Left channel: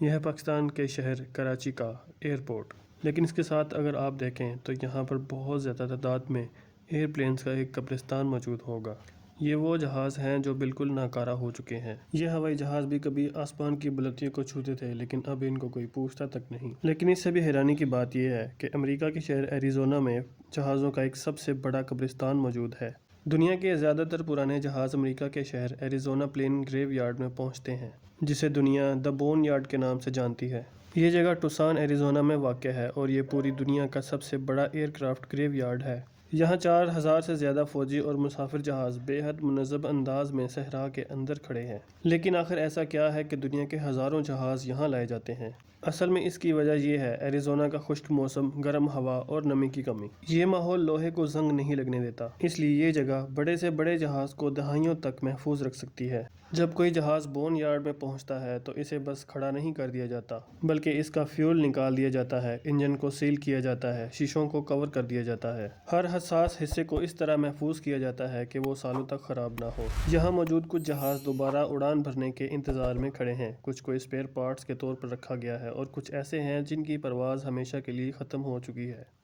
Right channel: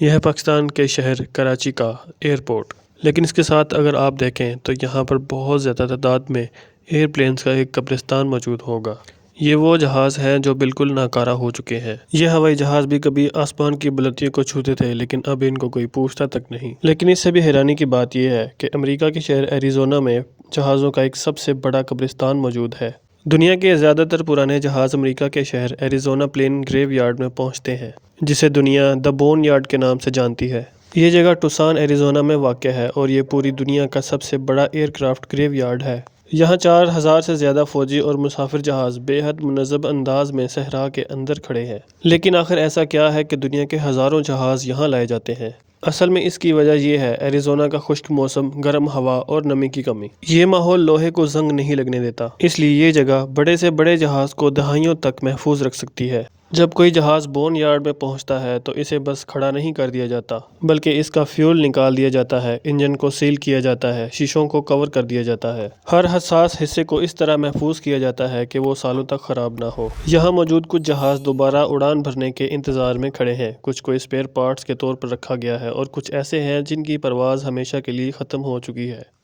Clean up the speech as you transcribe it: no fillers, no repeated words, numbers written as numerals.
یہ ہے پاکستان کے شہر کراچی کا ایئرپورٹ، لیکن اس کے ساتھ اگر آپ دیکھیں تو یہاں پر بہت زیادہ تعداد میں ایئر پلینز کا ایک قبرستان موجود ہوگا۔ یہ وہ جہاز ہیں جو بالکل ناکارہ ہو چکے ہیں۔ یہ ہوائی جہاز بھی کبھی آسمان کی بلندیوں کو چھوتے تھے، لیکن اب ان کو کوئی پوچھتا تک نہیں۔ لیکن اس سے بھی حیرانی کی بات یہ ہے کہ امریکہ کے شہر ایریزونا میں جہازوں کا ایک سب سے بڑا قبرستان موجود ہے۔ دنیا کے زیادہ تر پرانے جہاز امریکہ کے شہر ایریزونا پلین گریو یارڈ میں پہنچتے ہیں، جسے دنیا دی بون یارڈ کے نام سے جانتی ہے۔ یہ جگہ ٹوسان ایریزونا میں واقع ہے اور یہ پوری دنیا کا سب سے بڑا ایئر کرافٹ گریو یارڈ ہے۔ یہاں 4000 سے زیادہ فوجی اور مسافر جہاز بے حد منظم انداز میں صحرا کے اندر کھڑے ہیں۔ لیکن آخر ایسا کیا ہے کہ دنیا کے ہزاروں جہاز یہاں لائے جاتے ہیں؟ اصل میں اس کی وجہ یہ ہے ایریزونا کا خشک موسم، گرم ہوا اور نمی کی کمی۔ یہ ماحول لوہے کو زنگ نہیں لگنے دیتا، اس لیے یہ جگہ بڑے سے بڑے جہاز کو دہائیوں تک محفوظ رکھ سکتی ہے۔ جب کوئی جہاز بون یارڈ میں پہنچتا ہے تو اسے بس کھڑا نہیں کر دیا جاتا، بلکہ اس کا فیول نکال دیا جاتا ہے، انجن کو سیل کیا جاتا ہے، شیشوں کو کور کر دیا جاتا ہے۔ ہر حساس حصے کو اس طرح محفوظ کیا جاتا ہے کہ وہ سالوں تک خراب نہ ہو۔ یہاں موجود کچھ جہاز دوبارہ اڑان بھرنے کے انتظار میں کھڑے ہیں، کچھ کو اسپیئر پارٹس کے طور پر رکھا گیا ہے اور کچھ ایسے ہیں جن کی پرواز ہمیشہ کے لیے ختم ہو چکی ہے۔